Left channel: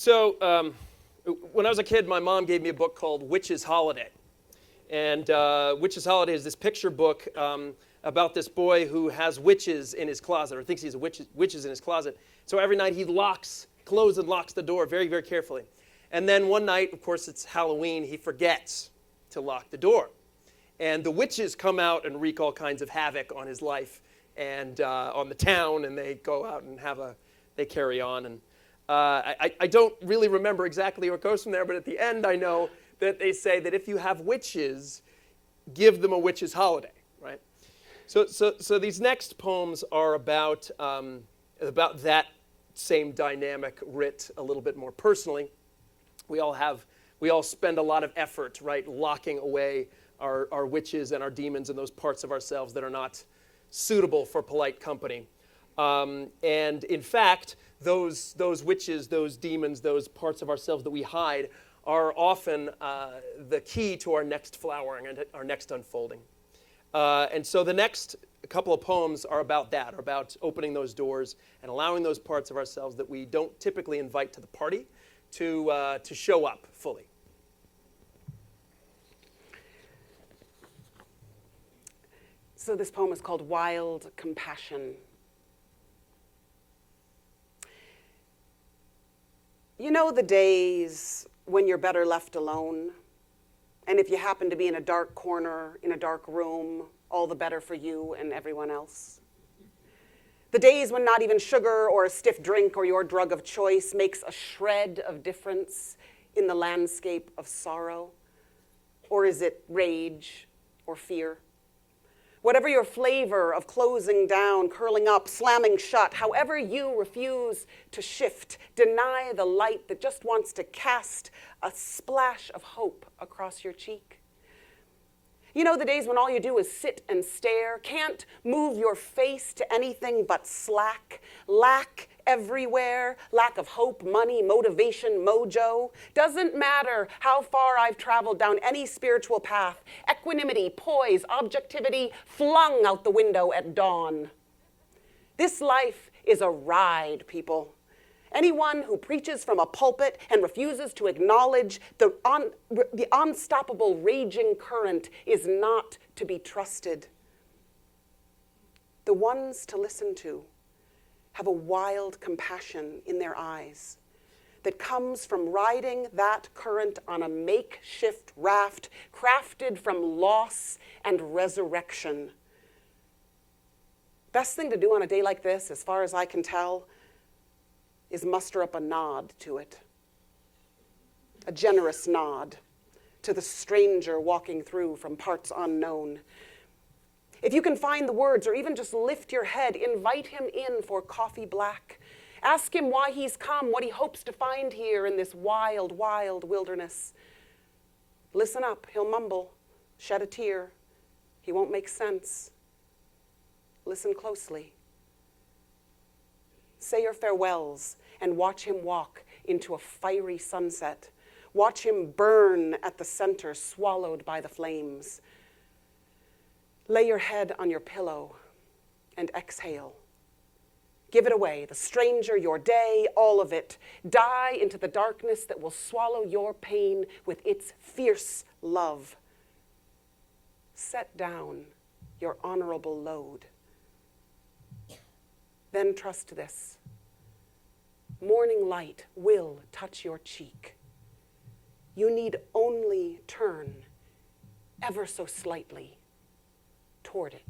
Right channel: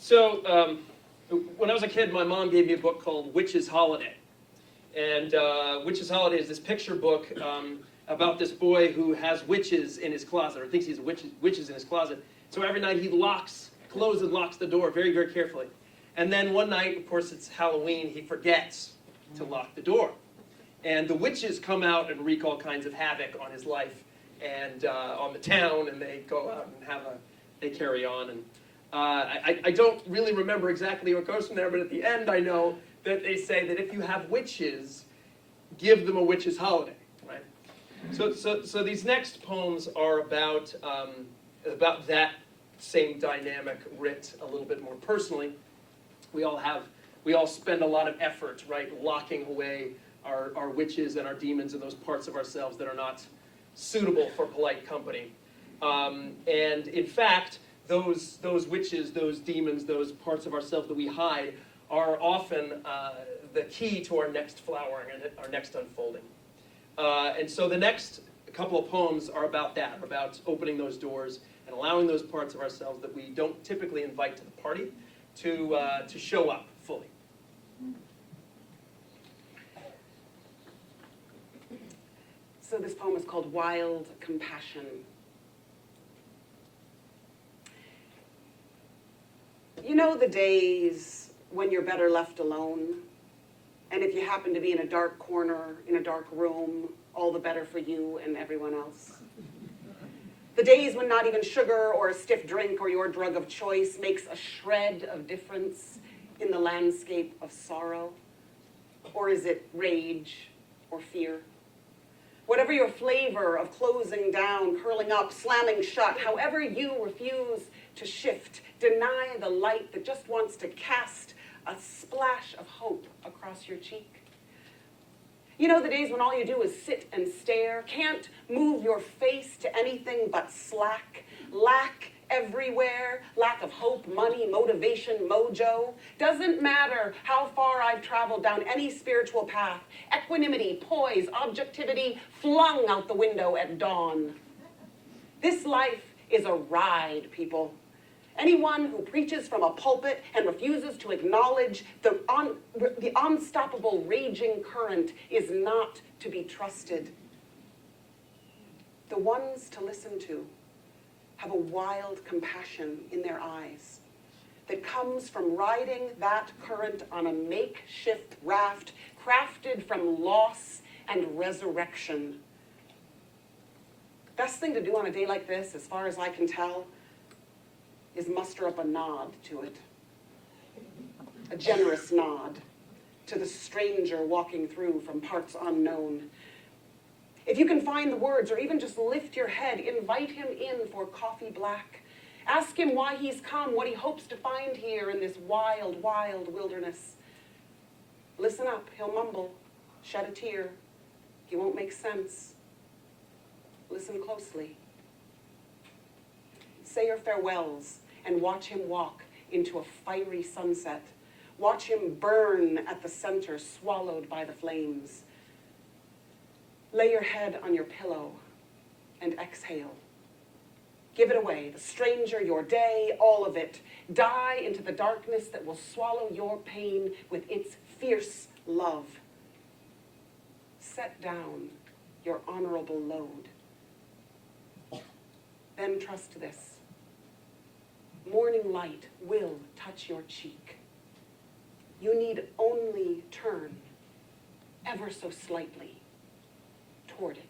So when I was a kid, my mom gave me a book called Witch's Holiday. And Witch's Holiday is this picture book about this boy who has witches in his closet, or thinks he's witches in his closet. So every night he closes and locks the door very, very carefully. And then one night, of course it's Halloween, he forgets to lock the door. And the witches come out and wreak all kinds of havoc on his life and on the town, and they go out and they carry on. And I don't really remember exactly what goes from there, but at the end I know that they say that if you have witches, give them a witch's holiday, right? So these next poems are about that same dynamic, writ a little bit more personally. We all spend a lot of effort, right, locking away our witches and our demons and those parts of ourselves that are not suitable for polite company. And in fact, those witches, those demons, those parts of ourselves that we hide are often the key to our next flowering and our next unfolding. And so the next couple of poems are about that, about opening those doors and allowing those parts of ourselves that we don't typically invite to the party to show up fully. So this poem is called Wild Compassion. You know the days when you're better left alone, and if you happen to be in a dark corner, in a dark room, all the better for you and everyone else. The days when not even sugar or a stiff drink or your drug of choice makes a shred of difference in the landscape of sorrow, or is it rage or fear? Whatever your flavor of closing down, curling up, slamming shut, however you refuse to shift, deny the light that just wants to cast a splash of hope across your cheek. You know the days when all you do is sit and stare, can't move your face to anything but slack, lack everywhere, lack of hope, money, motivation, mojo. Doesn't matter how far I've traveled down any spiritual path, equanimity, poise, objectivity flung out the window at dawn. This life is a ride, people. Anyone who preaches from a pulpit and refuses to acknowledge the unstoppable raging current is not to be trusted. The ones to listen to have a wild compassion in their eyes that comes from riding that current on a makeshift raft crafted from loss and resurrection. Best thing to do on a day like this, as far as I can tell, is muster up a nod to it. A generous nod to the stranger walking through from parts unknown. If you can find the words or even just lift your head, invite him in for coffee black. Ask him why he's come, what he hopes to find here in this wild, wild wilderness. Listen up, he'll mumble, shed a tear. He won't make sense. Listen closely. Say your farewells and watch him walk into a fiery sunset. Watch him burn at the center, swallowed by the flames. Lay your head on your pillow and exhale. Give it away, the stranger, your day, all of it. Die into the darkness that will swallow your pain with its fierce love. Set down your honorable load. Then trust this. Morning light will touch your cheek. You need only turn ever so slightly toward it.